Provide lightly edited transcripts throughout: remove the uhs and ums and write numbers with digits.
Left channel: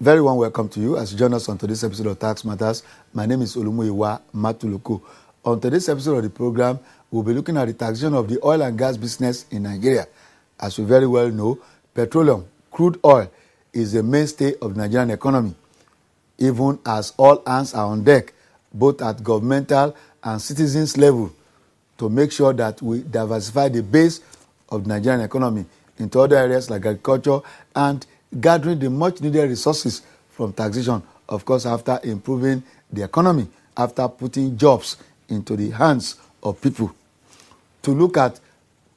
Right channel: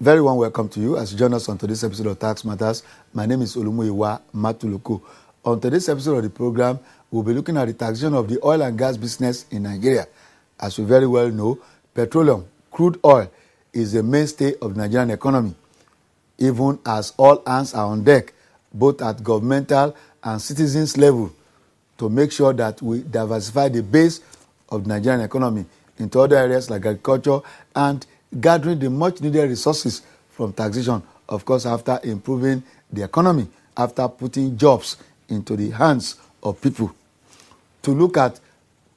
Very warm welcome to you as you join us on today's episode of Tax Matters. My name is Olumuyiwa Matuluko. On today's episode of the program, we'll be looking at the taxation of the oil and gas business in Nigeria. As we very well know, petroleum, crude oil, is the mainstay of the Nigerian economy, even as all hands are on deck, both at governmental and citizens level, to make sure that we diversify the base of the Nigerian economy into other areas like agriculture and gathering the much needed resources from taxation, of course, after improving the economy, after putting jobs into the hands of people. To look at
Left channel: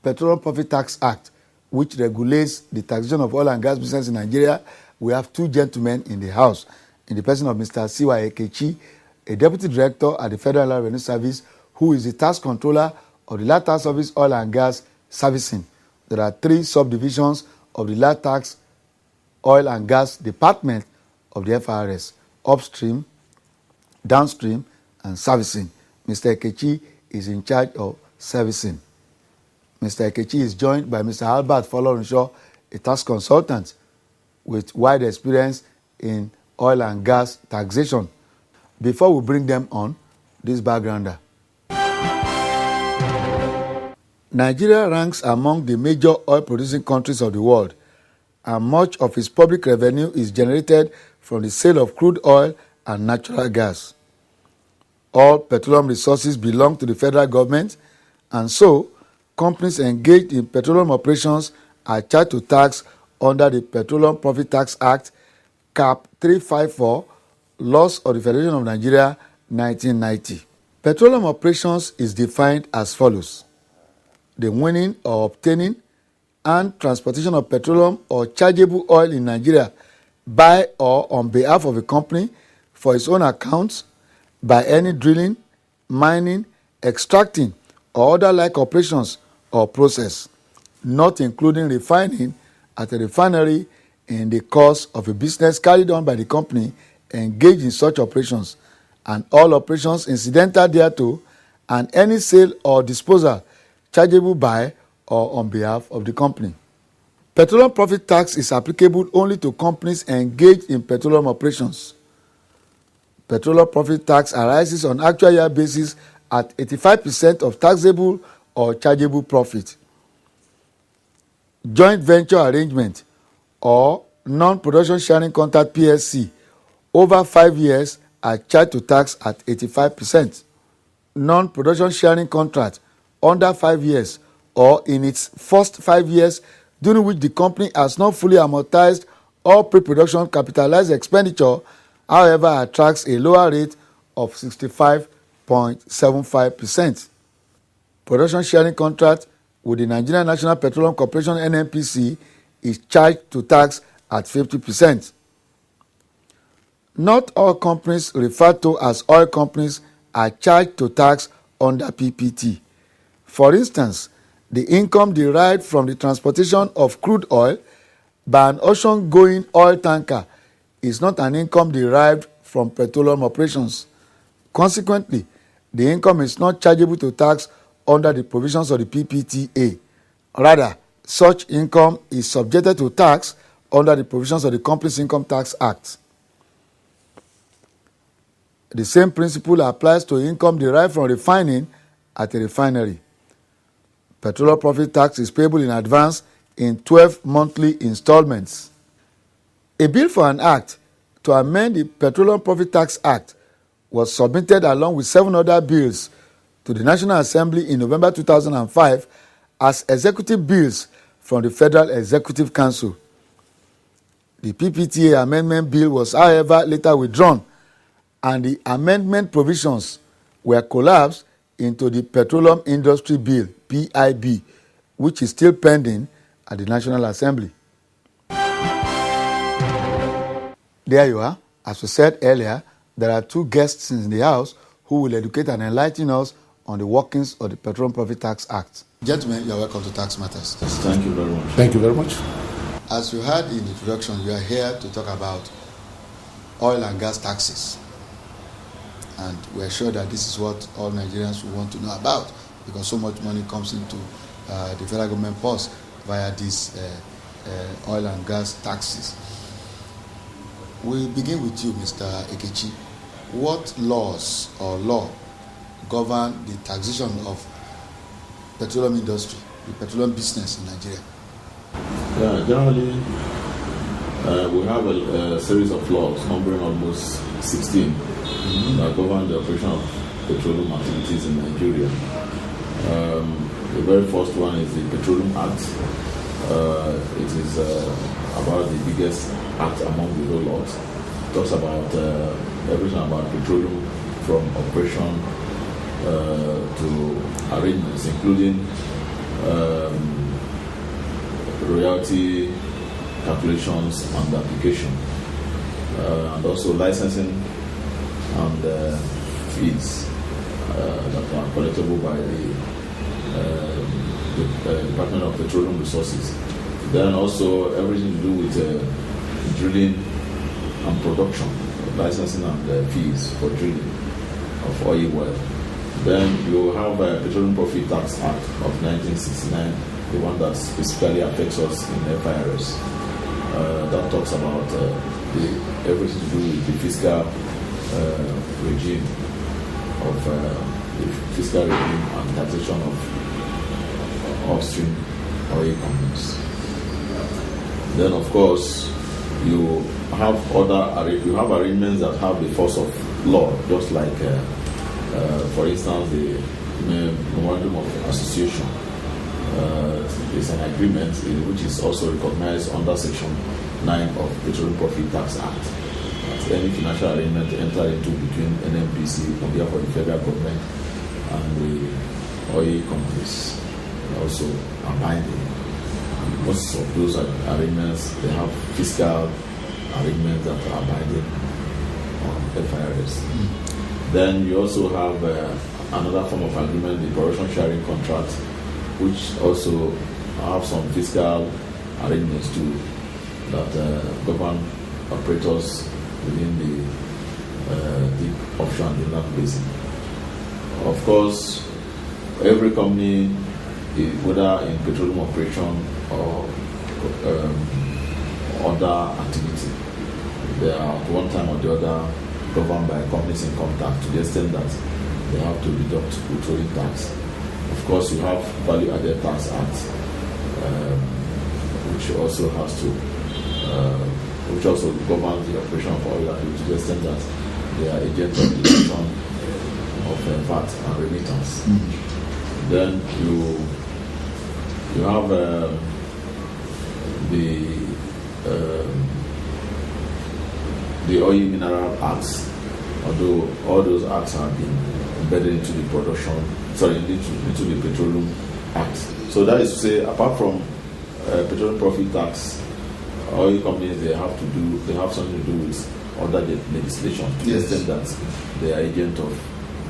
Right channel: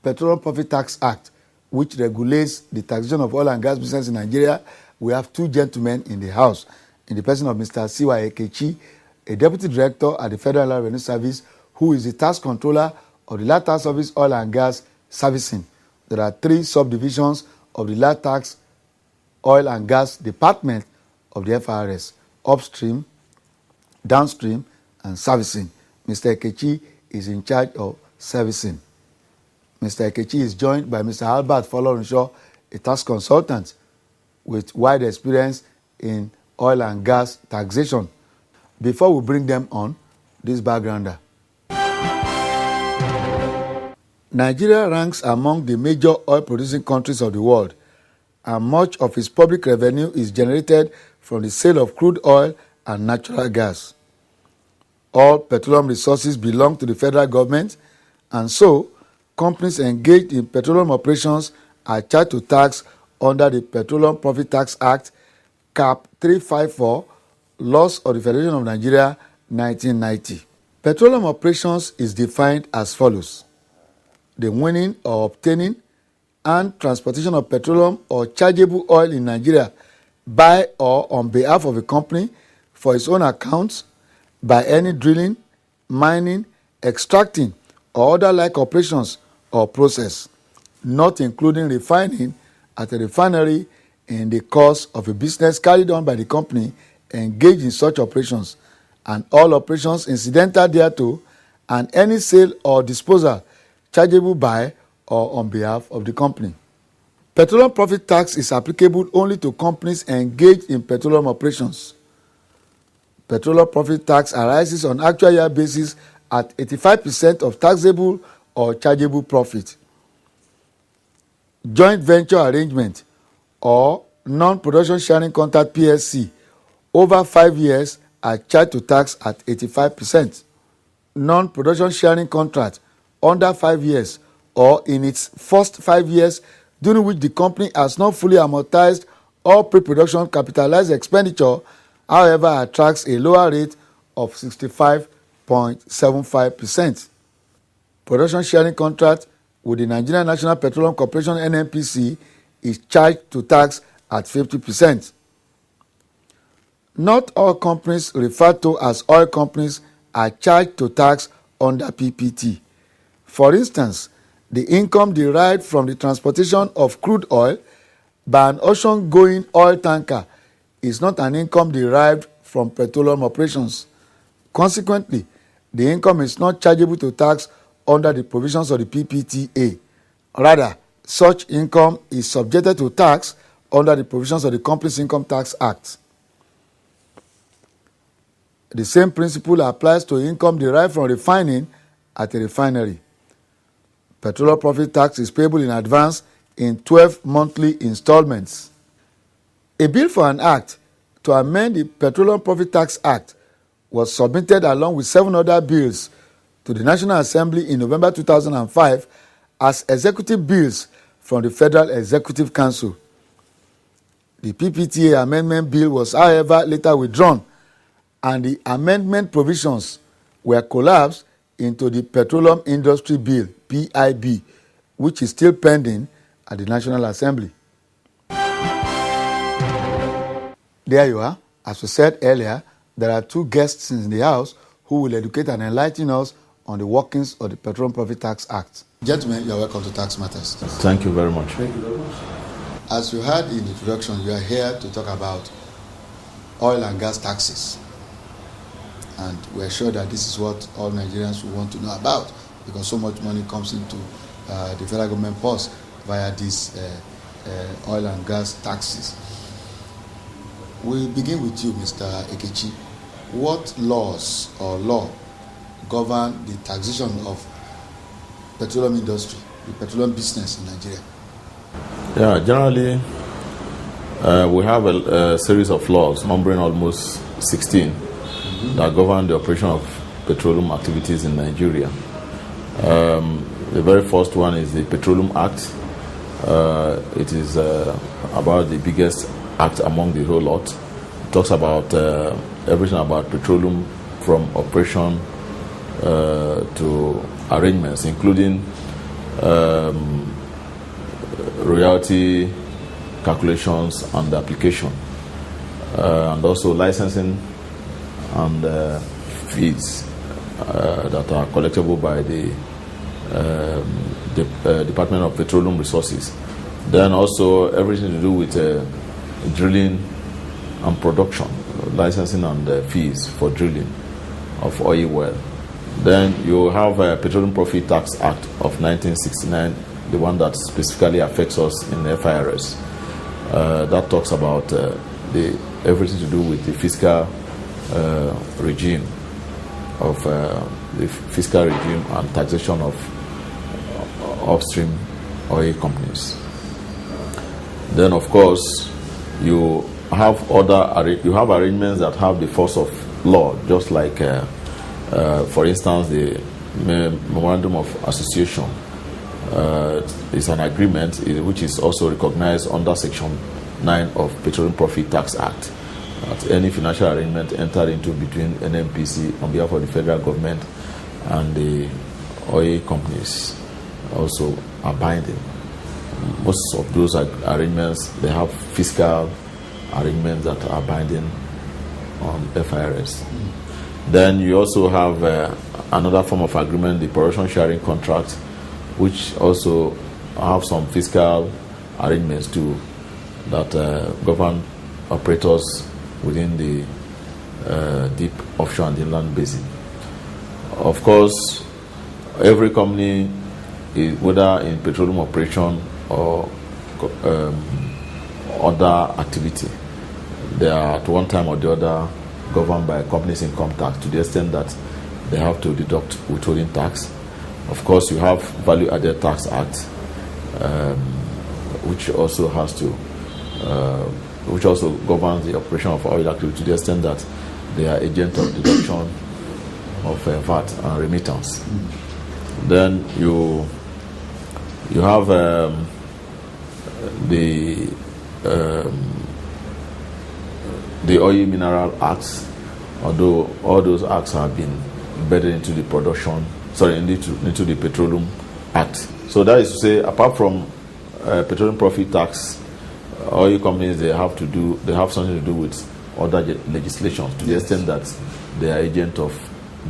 Petroleum Profit Tax Act, which regulates the taxation of oil and gas business in Nigeria, we have two gentlemen in the house, in the person of Mr. Ekechi, a deputy director at the Federal Revenue Service, who is the tax controller of the Land Tax Service Oil and Gas Servicing. There are three subdivisions of the Land Tax Oil and Gas Department of the FRS: upstream, downstream, and servicing. Mr. Ekechi is in charge of servicing. Mr. Ekechi is joined by Mr. Albert Folorunsho, a tax consultant with wide experience in oil and gas taxation. Before we bring them on, this backgrounder. Nigeria ranks among the major oil-producing countries of the world, and much of its public revenue is generated from the sale of crude oil and natural gas. All petroleum resources belong to the federal government, and so companies engaged in petroleum operations are charged to tax under the Petroleum Profit Tax Act, Cap 354, Laws of the Federation of Nigeria, 1990. Petroleum operations is defined as follows: the winning or obtaining and transportation of petroleum or chargeable oil in Nigeria by or on behalf of a company for its own account by any drilling, mining, extracting, or other like operations or process, not including refining at a refinery in the course of a business carried on by the company engaged in such operations, and all operations incidental thereto, and any sale or disposal chargeable by or on behalf of the company. Petroleum profit tax is applicable only to companies engaged in petroleum operations. Petroleum profit tax arises on actual year basis at 85% of taxable or chargeable profit. Joint venture arrangement or non-production sharing contract PSC over 5 years are charged to tax at 85%. Non-production sharing contract under 5 years or in its first 5 years during which the company has not fully amortized all pre-production capitalized expenditure, however, attracts a lower rate of 65.75%. Production sharing contract with the Nigerian National Petroleum Corporation (NNPC) is charged to tax at 50%. Not all companies referred to as oil companies are charged to tax under PPT. For instance, the income derived from the transportation of crude oil by an ocean-going oil tanker is not an income derived from petroleum operations. Consequently, the income is not chargeable to tax under the provisions of the PPTA. Rather, such income is subjected to tax under the provisions of the Companies Income Tax Act. The same principle applies to income derived from refining at a refinery. Petroleum profit tax is payable in advance in 12 monthly installments. A bill for an act to amend the Petroleum Profit Tax Act was submitted along with 7 other bills to the National Assembly in November 2005 as executive bills from the Federal Executive Council. The PPTA amendment bill was, however, later withdrawn, and the amendment provisions were collapsed into the Petroleum Industry Bill, PIB, which is still pending at the National Assembly. There you are. As we said earlier, there are two guests in the house who will educate and enlighten us on the workings of the Petroleum Profit Tax Act. Gentlemen, you are welcome to Tax Matters. Thank you very much. Thank you very much. As you heard in the introduction, you are here to talk about oil and gas taxes. And we're sure that this is what all Nigerians will want to know about, because so much money comes into the federal government purse via these oil and gas taxes. We begin with you, Mr. Ekechi. What laws or law govern the taxation of petroleum industry, the petroleum business in Nigeria? Yeah, generally, we have a series of laws, numbering almost 16, that govern the operation of petroleum activities in Nigeria. The very first one is the Petroleum Act. It is about the biggest act among the whole lot. It talks about everything about petroleum, from operation to arrangements, including royalty calculations and application, and also licensing and fees that are collectible by the Department of Petroleum Resources. Then also everything to do with drilling and production, licensing and fees for drilling of oil well. Then you have a Petroleum Profit Tax Act of 1969, the one that specifically affects us in FIRS. That talks about everything to do with the fiscal regime of the fiscal regime and taxation of upstream oil companies. Then, of course, you have arrangements that have the force of law, just like, for instance, the Memorandum of Association. Is an agreement which is also recognized under Section 9 of Petroleum Profit Tax Act. That any financial arrangement entered into between NNPC on behalf of the federal government and the oil companies also are binding. Most of those arrangements, they have fiscal arrangements that are binding on FIRS. Then you also have another form of agreement, the production sharing contract, which also have some fiscal arrangements too that govern operators within the deep offshore and inland basin. Of course, every company, whether in petroleum operation or other activity, they are at one time or the other governed by a company's income tax to the extent that they have to deduct withholding tax. Of course, you have Value Added Tax Act, which also has to, which also governs the operation of oil activity to the extent that they are agents of deduction of VAT and remittance. Then you have the Oil Mineral Acts, although all those acts have been embedded into the into the Petroleum Act. So that is to say, apart from petroleum profit tax, oil companies they have something to do with other legislation to the extent that they are agent of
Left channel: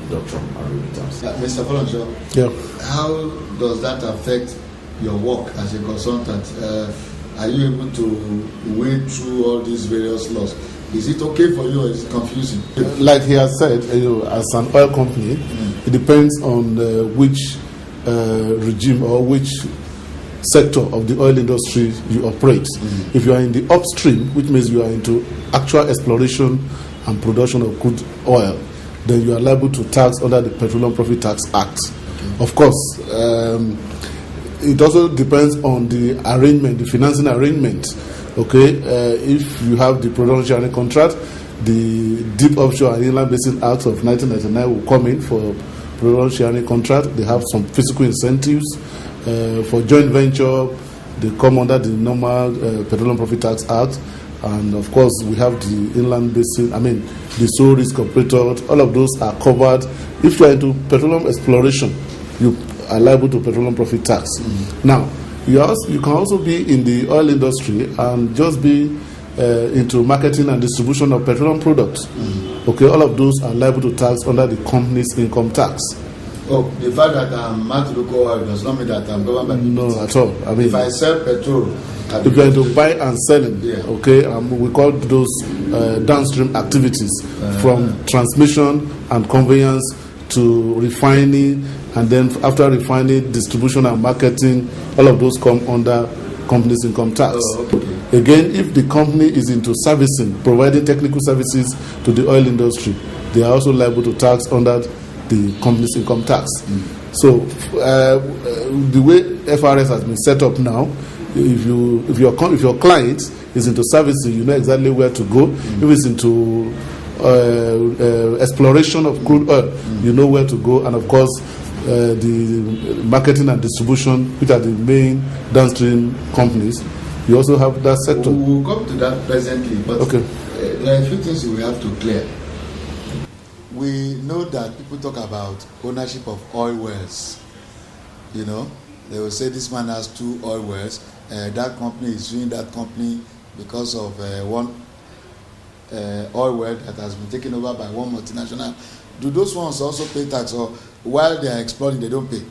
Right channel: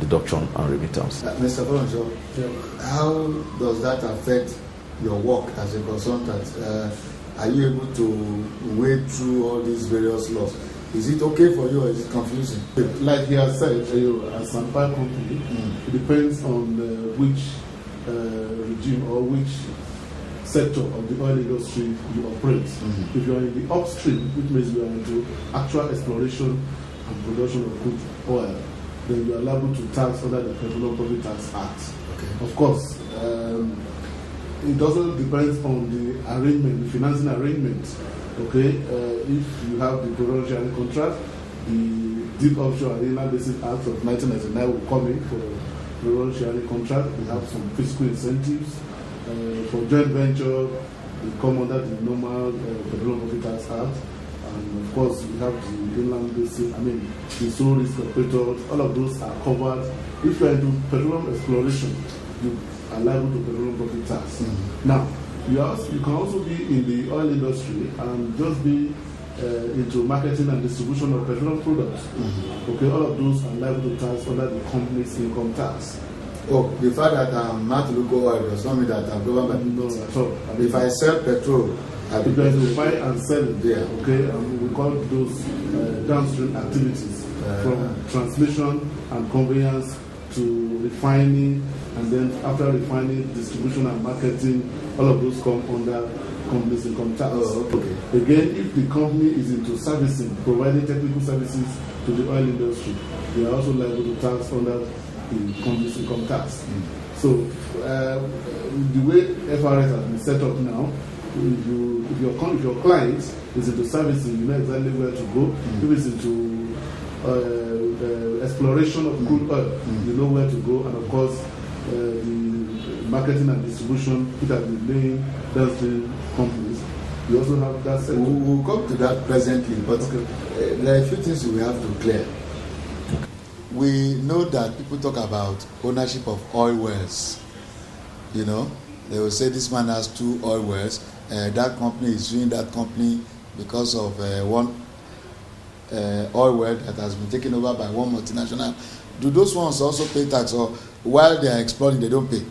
deduction and remittance. Mr. Folorunsho, yeah. How does that affect your work as a consultant? Are you able to wade through all these various laws? Is it okay for you or is it confusing? Like he has said, as an oil company, it depends on which regime or which sector of the oil industry you operate. If you are in the upstream, which means you are into actual exploration and production of crude oil, then you are liable to tax under the Petroleum Profit Tax Act. Of course, it also depends on the arrangement, the financing arrangement. Okay, if you have the production sharing contract, the Deep Offshore and Inland Basin Act of 1999 will come in for production sharing contract. They have some physical incentives. For joint venture, they come under the normal Petroleum Profit Tax Act. And of course, we have the Inland Basin, the sole risk operator. All of those are covered. If you are into petroleum exploration, you are liable to petroleum profit tax. Now, you can also be in the oil industry and just be into marketing and distribution of petroleum products. Okay, all of those are liable to tax under the company's income tax. Oh, the fact that I'm not local oil does not mean that I'm governed by No, at all. If I sell petrol, if you are to buy and selling, okay, we call those downstream activities from transmission and conveyance to refining, and then after refining, distribution and marketing, all of those come under company's income tax. Oh, okay. Again, if the company is into servicing, providing technical services to the oil industry, they are also liable to tax under the company's income tax. So the way FRS has been set up now, if your client is into servicing, you know exactly where to go. If it's into exploration of crude oil, you know where to go. And of course, the marketing and distribution, which are the main downstream companies, you also have that sector. We'll come to that presently, but okay. There are a few things we have to clear. We know that people talk about ownership of oil wells. You know, they will say this man has 2 oil wells. That company is suing that company because of one oil well that has been taken over by one multinational. Do those ones also pay tax, or while they are exploring they don't pay?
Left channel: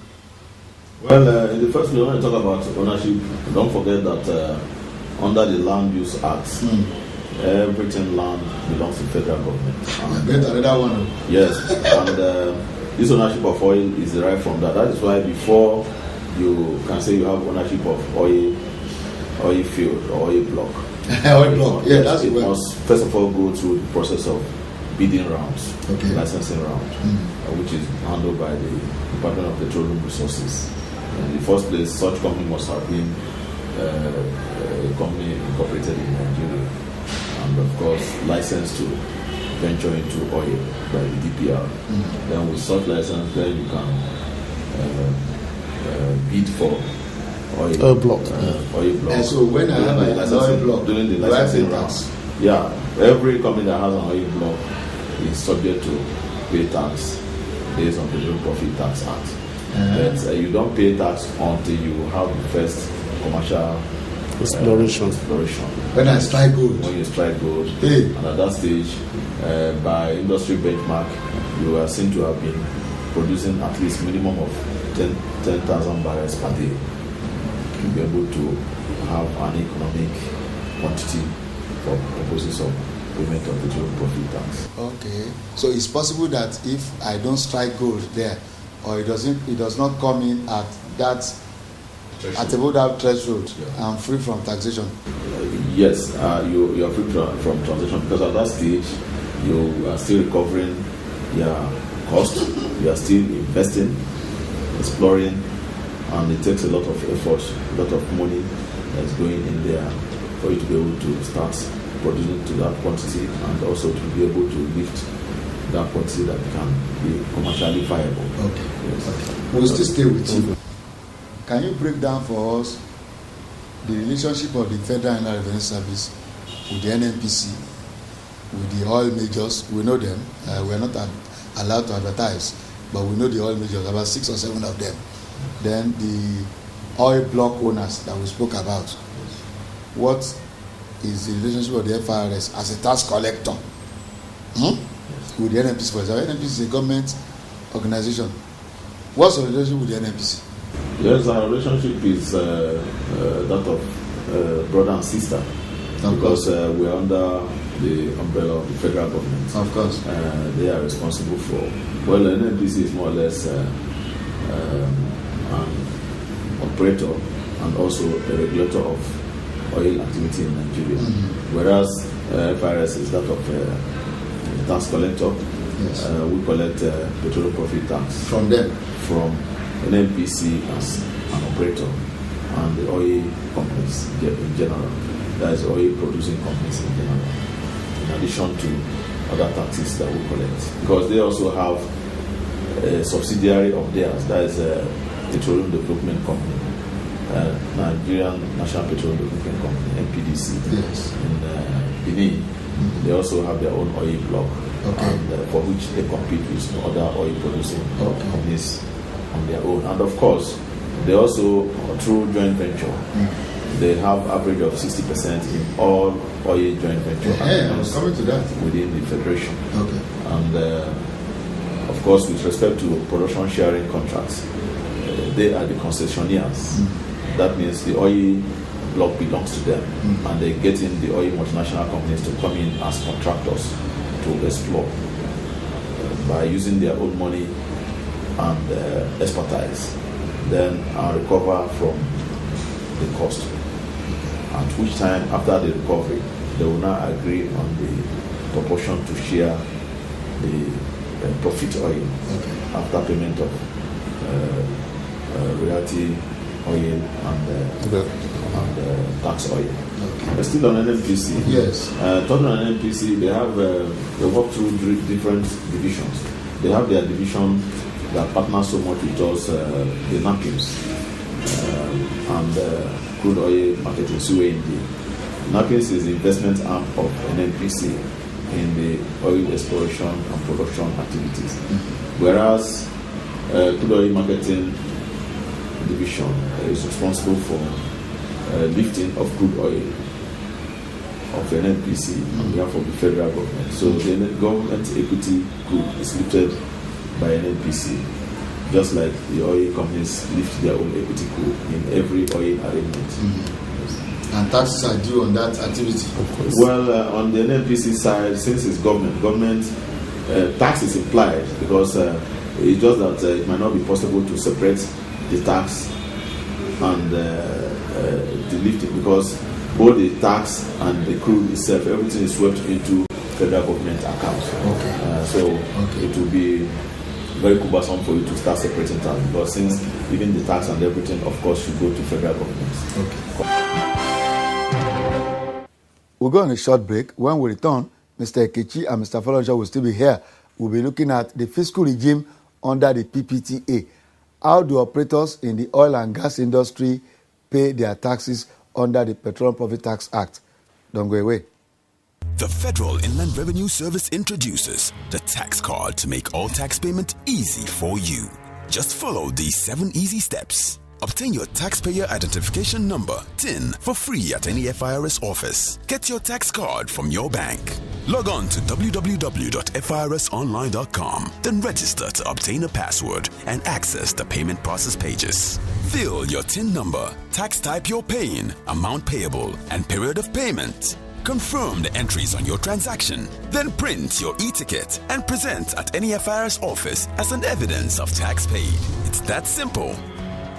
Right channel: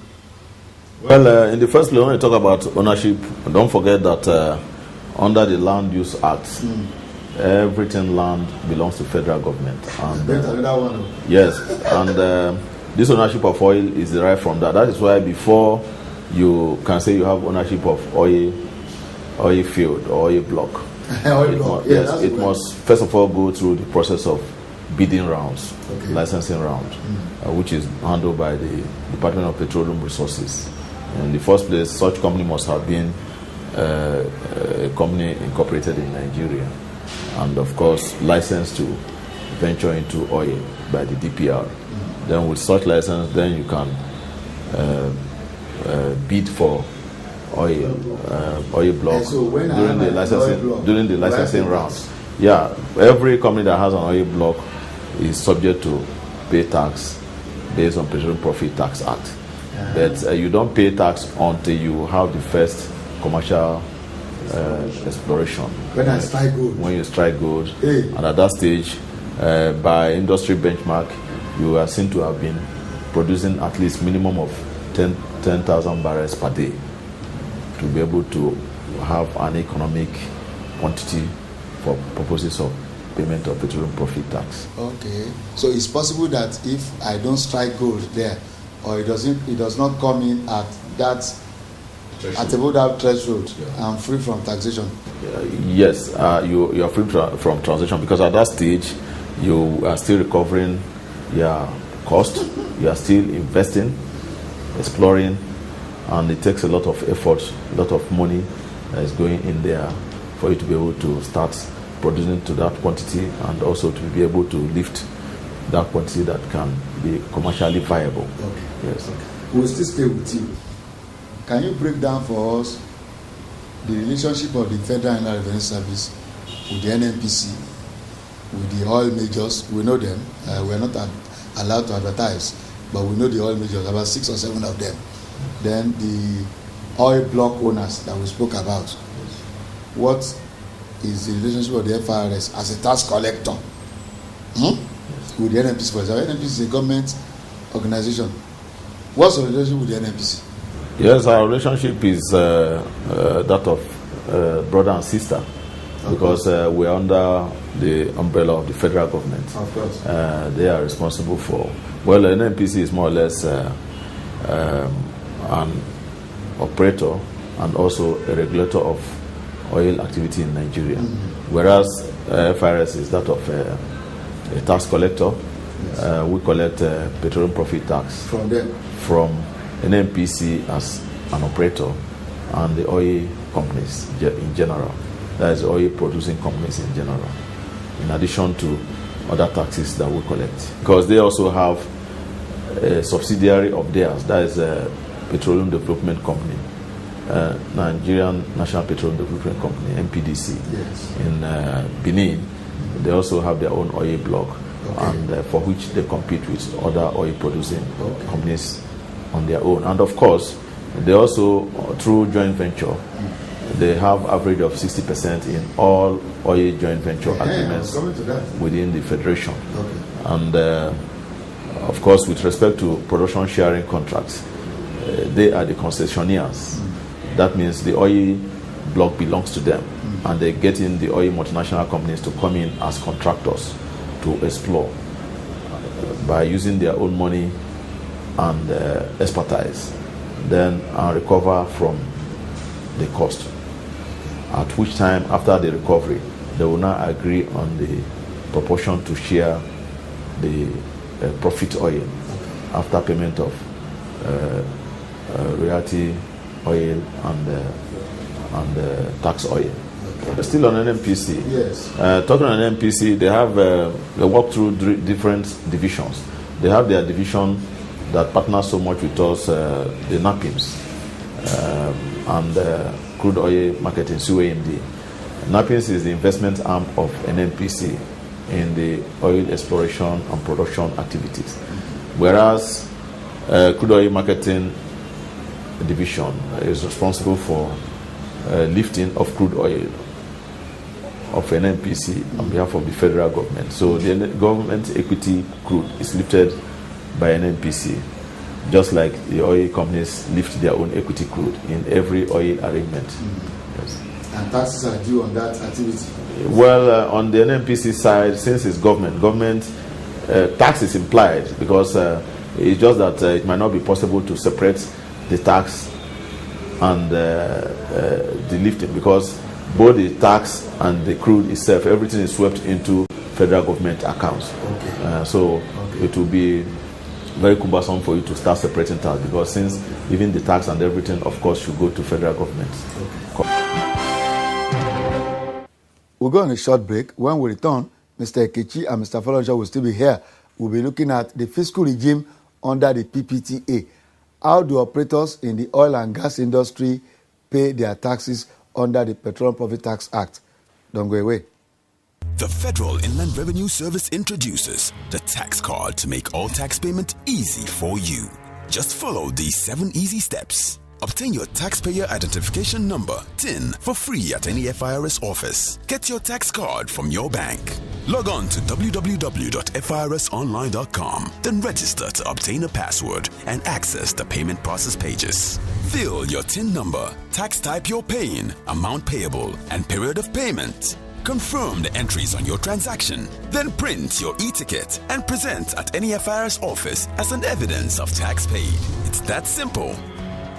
Well, in the first place, when we talk about ownership, don't forget that under the Land Use Act, everything land belongs to federal government. And, another one. Yes, and this ownership of oil is derived from that. That is why before you can say you have ownership of oil field or oil block, oil block. Yeah, that's it must first of all go through the process of bidding rounds, licensing round, which is handled by the Department of Petroleum Resources. In the first place, such company must have been a company incorporated in Nigeria, and of course licensed to venture into oil by the DPR. Then with such license, then you can bid for oil block. And so when I have an oil block during the licensing round, yeah, every company that has an oil block is subject to pay tax based on Petroleum Profit Tax Act. But you don't pay tax until you have the first commercial exploration. When I strike gold. When you strike gold. And at that stage, by industry benchmark, you are seen to have been producing at least minimum of 10,000 barrels per day to be able to have an economic quantity for purposes of payment of petroleum profit tax. Okay, so it's possible that if I don't strike gold there, or it does not come in at that threshold. At about that threshold, I'm free from taxation. Yes, you are free from taxation, because at that stage you are still recovering your cost, you are still investing, exploring, and it takes a lot of effort, a lot of money that is going in there for you to be able to start producing to that quantity, and also to be able to lift that quantity that can be commercially viable. Okay. Yes. We'll still stay with you. Can you break down for us the relationship of the Federal Inland Revenue Service with the NNPC, with the oil majors? We know them. We are not allowed to advertise, but we know the oil majors, about 6 or 7 of them. Then the oil block owners that we spoke about. What is the relationship of the FRS as a tax collector with the NNPC? For example, NNPC is a government organization. What's the relationship with the NNPC? Yes, our relationship is that of brother and sister, because we are under the umbrella of the federal government. Of course. They are responsible for, well, the NNPC is more or less an operator and also a regulator of oil activity in Nigeria, whereas FRS is that of a tax collector. Yes. We collect petroleum profit tax from them, from NNPC as an operator, and the oil companies in general, that is oil producing companies in general, in addition to other taxes that we collect, because they also have a subsidiary of theirs, that is a Petroleum Development Company, Nigerian National Petroleum Development Company, NPDC. Yes. In Benin. They also have their own oil block, and for which they compete with other oil producing companies on their own. And of course, they also, through joint venture, they have average of 60% in all oil joint venture agreements within the federation. Okay. And of course, with respect to production sharing contracts, they are the concessionaires. That means the oil block belongs to them, and they get in the oil multinational companies to come in as contractors to explore by using their own money and expertise, then recover from the cost. At which time, after the recovery, they will now agree on the proportion to share the profit oil after payment of royalty oil and tax oil. But still on NNPC. Yes. Talking on NNPC, they work through different divisions. They have their division that partners so much with us, the NAPIMS and crude oil marketing, COND. NAPIMS is the investment arm of NNPC in the oil exploration and production activities. Whereas crude oil marketing division is responsible for lifting of crude oil of NNPC on behalf of the federal government. So the government equity crude is lifted by NNPC, just like the oil companies lift their own equity crude in every oil arrangement. Yes. And taxes are due on that activity? Well, on the NNPC side, since it's government tax is implied because it's just that it might not be possible to separate the tax and the lifting, because both the tax and the crude itself, everything is swept into federal government accounts. So it will be very cumbersome for you to start separating tax, because since even the tax and everything, of course, should go to federal government. We'll go on a short break. When we return, Mr. Ekechi and Mr. Folorunsho will still be here. We'll be looking at the fiscal regime under the PPTA. How do operators in the oil and gas industry pay their taxes under the Petroleum Profit Tax Act? Don't go away. The Federal Inland Revenue Service introduces the tax card to make all tax payment easy for you. Just follow these 7 easy steps. Obtain your taxpayer identification number, TIN, for free at any FIRS office. Get your tax card from your bank. Log on to www.firsonline.com, then register to obtain a password and access the payment process pages. Fill your TIN number, tax type you're paying, amount payable, and period of payment. Confirm the entries on your transaction. Then print your e-ticket and present at any FIRS office as an evidence of tax paid. It's that simple.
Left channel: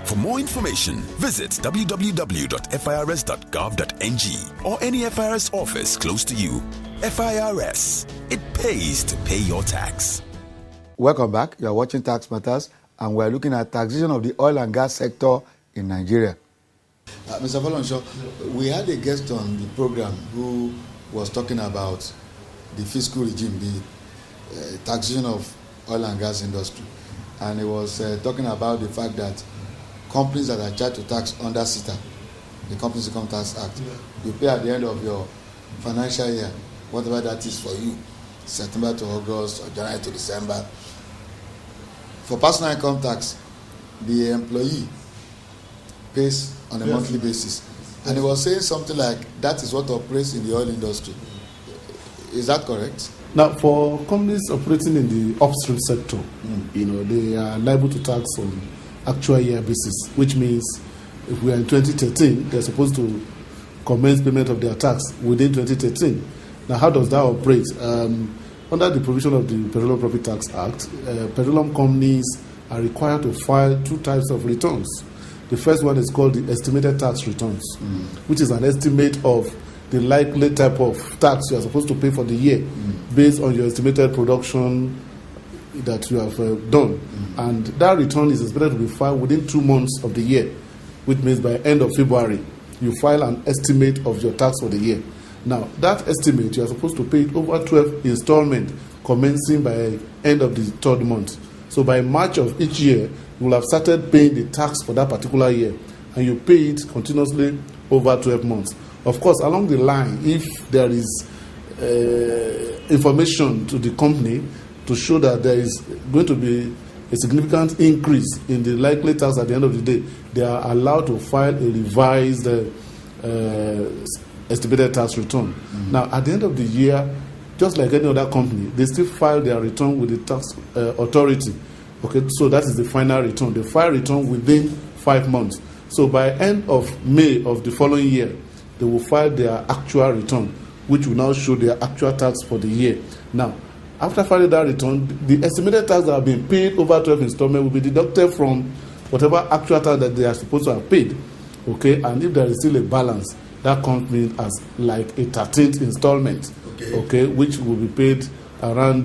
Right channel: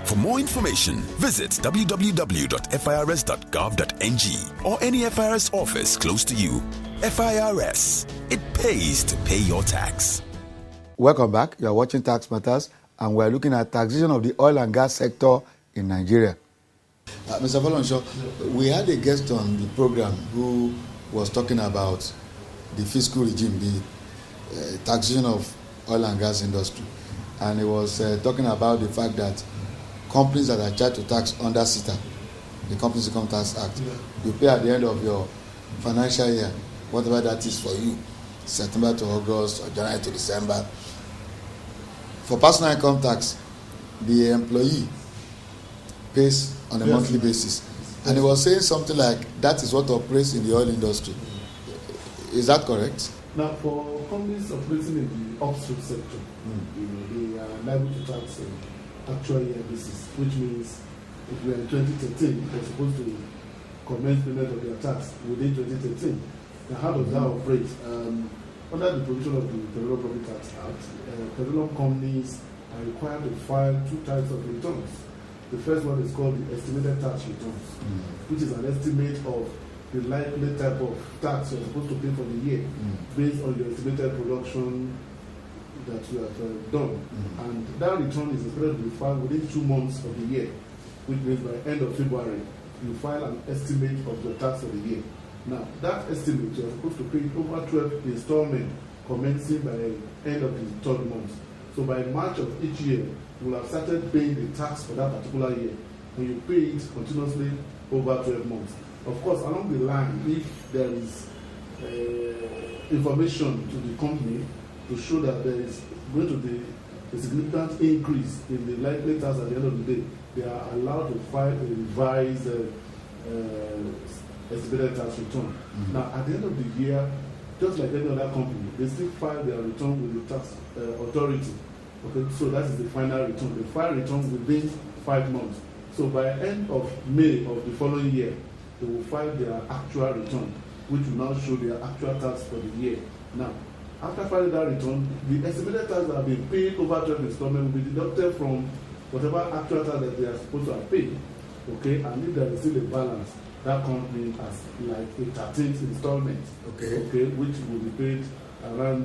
For more information, visit www.firs.gov.ng or any FIRS office close to you. FIRS, it pays to pay your tax. Welcome back. You are watching Tax Matters, and we are looking at taxation of the oil and gas sector in Nigeria. Mr. Folorunsho, we had a guest on the program who was talking about the fiscal regime, the taxation of oil and gas industry, and he was talking about the fact that companies that are charged to tax under CITA, the Companies Income Tax Act, you pay at the end of your financial year, whatever that is for you, September to August or January to December. For personal income tax, the employee pays on a monthly basis. And he was saying something like that is what operates in the oil industry. Is that correct? Now, for companies operating in the upstream sector, they are liable to tax on actual year basis, which means if we are in 2013, they're supposed to commence payment of their tax within 2013. Now, how does that operate? Under the provision of the Petroleum Profit Tax Act, petroleum companies are required to file 2 types of returns. The first one is called the estimated tax returns, which is an estimate of the likely type of tax you are supposed to pay for the year based on your estimated production that you have done. And that return is expected to be filed within 2 months of the year, which means by end of February, you file an estimate of your tax for the year. Now, that estimate, you are supposed to pay it over 12 installments, commencing by end of the 3rd month. So by March of each year, you will have started paying the tax for that particular year, and you pay it continuously over 12 months. Of course, along the line, if there is information to the company to show that there is going to be a significant increase in the likely tax at the end of the day, they are allowed to file a revised estimated tax return. Now, at the end of the year, just like any other company, they still file their return with the tax authority. Okay, so that is the final return. They file return within 5 months. So by end of May of the following year, they will file their actual return, which will now show their actual tax for the year. Now, after filing that return, the estimated tax that have been paid over 12 installments will be deducted from whatever actual tax that they are supposed to have paid. Okay, and if there is still a balance, that comes as like a 13th installment, okay, which will be paid around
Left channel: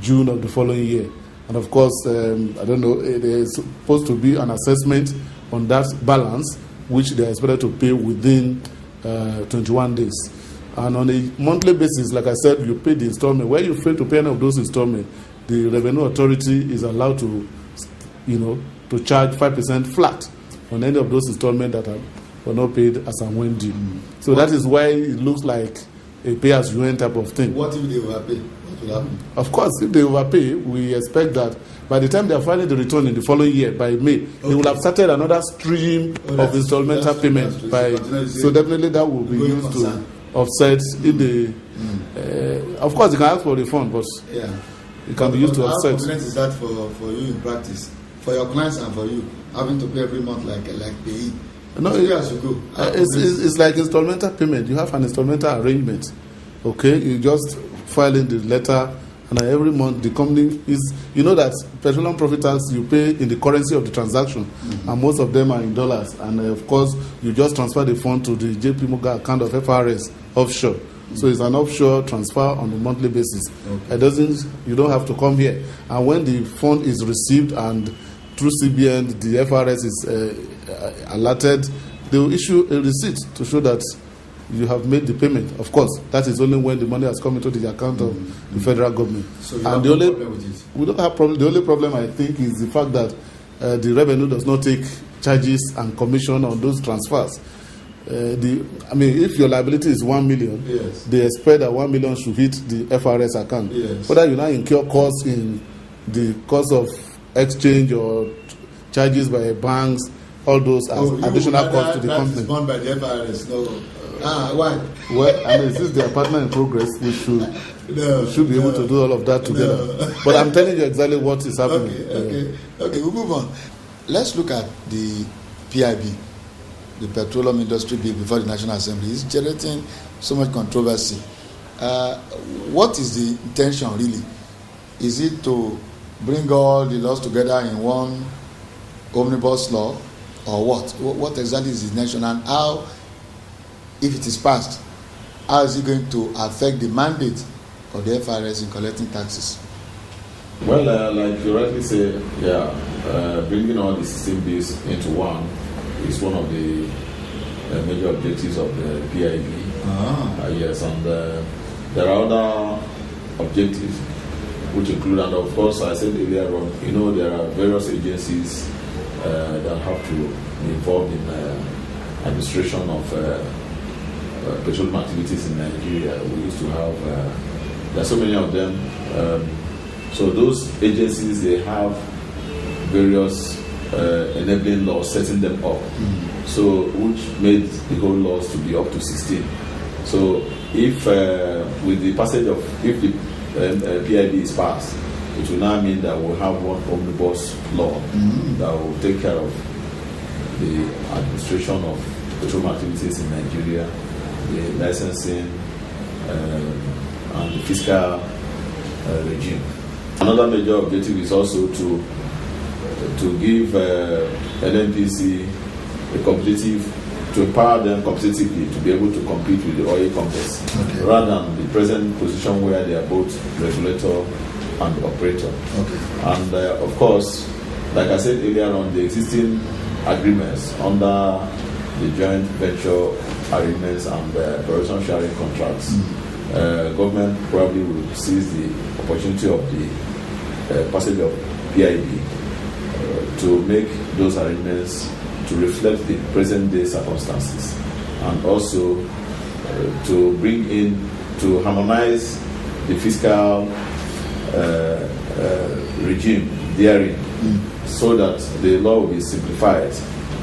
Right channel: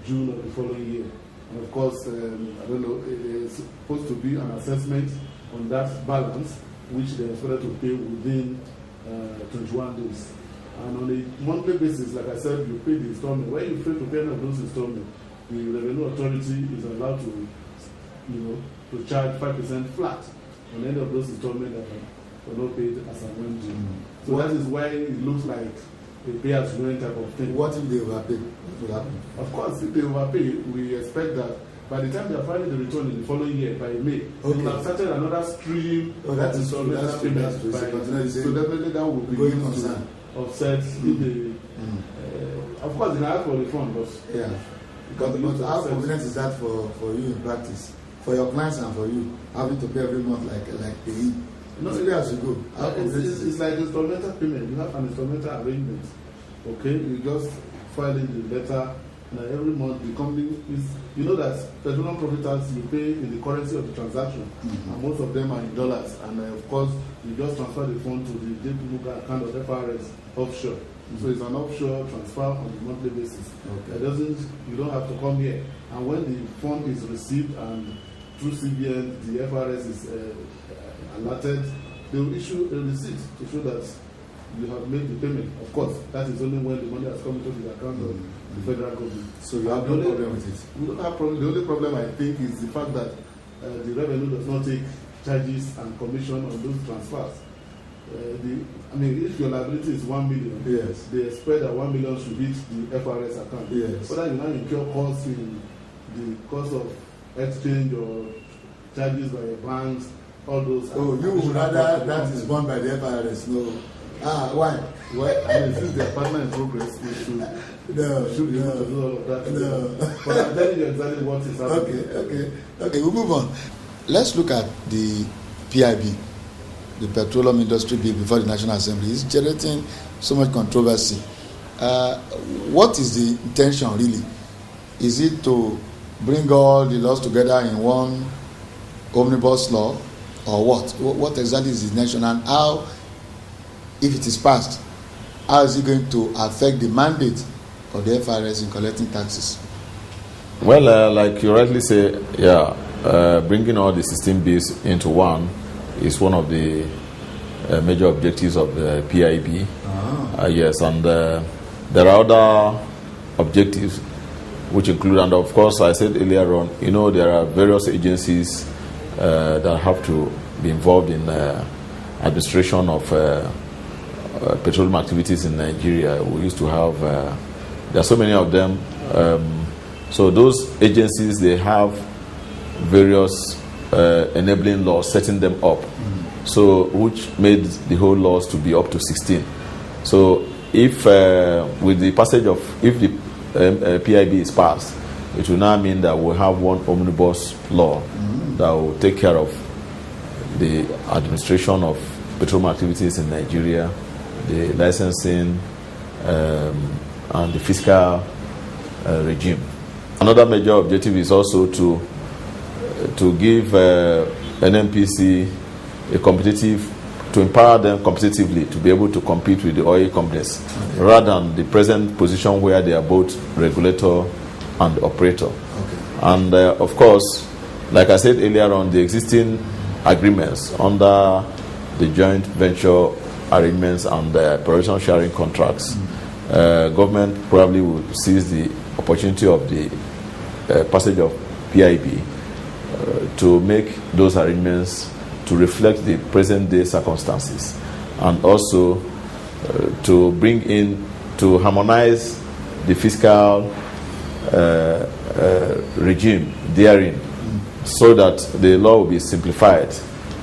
June of the following year. And of course, I don't know, there's supposed to be an assessment on that balance, which they are expected to pay within 21 days. And on a monthly basis, like I said, you pay the installment. Where you fail to pay any of those installments, the Revenue Authority is allowed to, to charge 5% flat on any of those installments that were not paid as and when due. So that is why it looks like a pay-as-you-earn type of thing. What if they overpay? What will happen? Of course, if they overpay, we expect that by the time they are filing the return in the following year, by May, they will have started another stream of installmental payment. So definitely that will be used to offset if the. Of course, you can ask for the refund, but it can be used to offset. How confident is that for you in practice, for your clients and for you, having to pay every month like pay? No, it's like installmental payment. You have an installmental arrangement. Okay, you just file in the letter, and every month the company is, that petroleum profit tax you pay in the currency of the transaction, and most of them are in dollars. And of course, you just transfer the fund to the JP Morgan account of FRS offshore. So it's an offshore transfer on a monthly basis. You don't have to come here. And when the fund is received and through CBN, the FRS is alerted, they will issue a receipt to show that you have made the payment. Of course, that is only when the money has come into the account of the federal government. So you have no problem with it? We don't have problem. The only problem, I think, is the fact that the revenue does not take charges and commission on those transfers. If your liability is 1 million, yes, they expect that 1 million should hit the FRS account. Yes. Whether you now incur costs in the cost of exchange or charges by banks, all those as additional costs to the company. That is borne by the FRS. No. Why? Well, since they are partner in progress, we should be able to do all of that together. No. But I'm telling you exactly what is happening. Okay, we'll move on. Let's look at the PIB, the Petroleum Industry Bill, before the National Assembly. It's generating so much controversy. What is the intention really? Is it to bring all the laws together in one omnibus law, or what? What exactly is the intention, and how, if it is passed, how is it going to affect the mandate of the FRS in collecting taxes? Well, like you rightly say, bringing all the 16 bills into one is one of the major objectives of the PIB. Yes, and there are other objectives which include, and of course, I said earlier on, there are various agencies that have to be involved in administration of petroleum activities in Nigeria. We used to have, there are so many of them. So those agencies, they have various enabling laws setting them up, so which made the whole laws to be up to 16. So if with the passage of, if the PIB is passed, it will now mean that we'll have one omnibus law that will take care of the administration of petroleum activities in Nigeria, the licensing, and the fiscal regime. Another major objective is also to give NNPC to empower them competitively to be able to compete with the oil companies, rather than the present position where they are both regulator and operator. And of course, like I said earlier on, the existing agreements under the joint venture arrangements and the production sharing contracts, government probably will seize the opportunity of the passage of PIB to make those arrangements to reflect the present day circumstances, and also to bring in, to harmonize the fiscal regime therein, so that the law will be simplified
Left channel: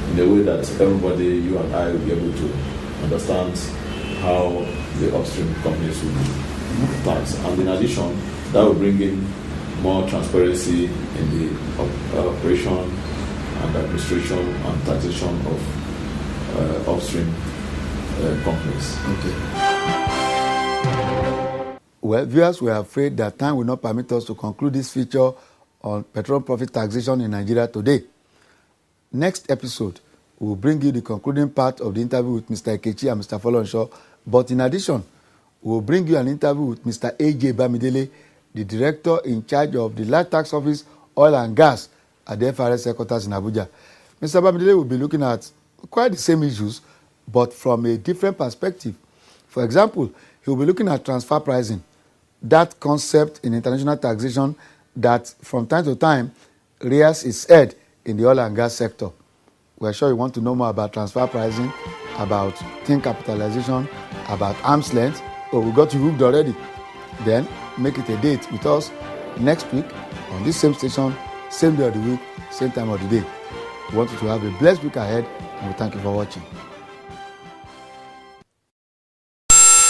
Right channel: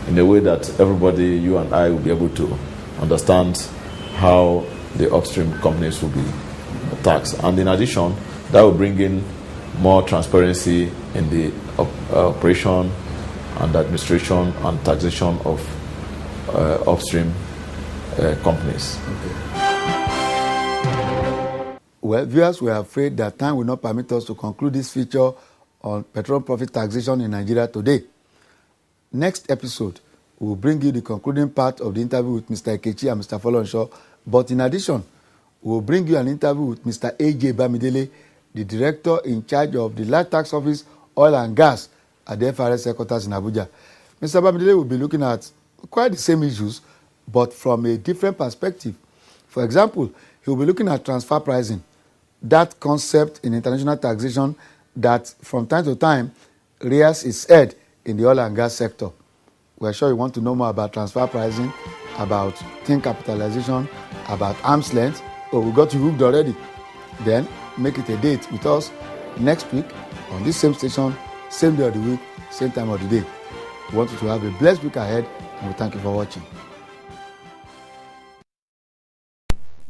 in a way that everybody, you and I, will be able to understand how the upstream companies will be taxed. And in addition, that will bring in more transparency in the operation and administration and taxation of upstream companies. Well, viewers, we are afraid that time will not permit us to conclude this feature on petroleum profit taxation in Nigeria today. Next episode, We will bring you the concluding part of the interview with Mr. Ekechi and Mr. Folorunsho. But in addition, we will bring you an interview with Mr. A.J. Bamidele, the Director in charge of the Land Tax Office, Oil and Gas at the FRS headquarters in Abuja. Mr. Bamidele will be looking at quite the same issues, but from a different perspective. For example, he will be looking at transfer pricing, that concept in international taxation that from time to time rears its head in the oil and gas sector. We're sure you want to know more about transfer pricing, about thin capitalization, about arm's length. Oh, we got you hooked already. Then make it a date with us next week on this same station, same day of the week, same time of the day. We want you to have a blessed week ahead, and we thank you for watching.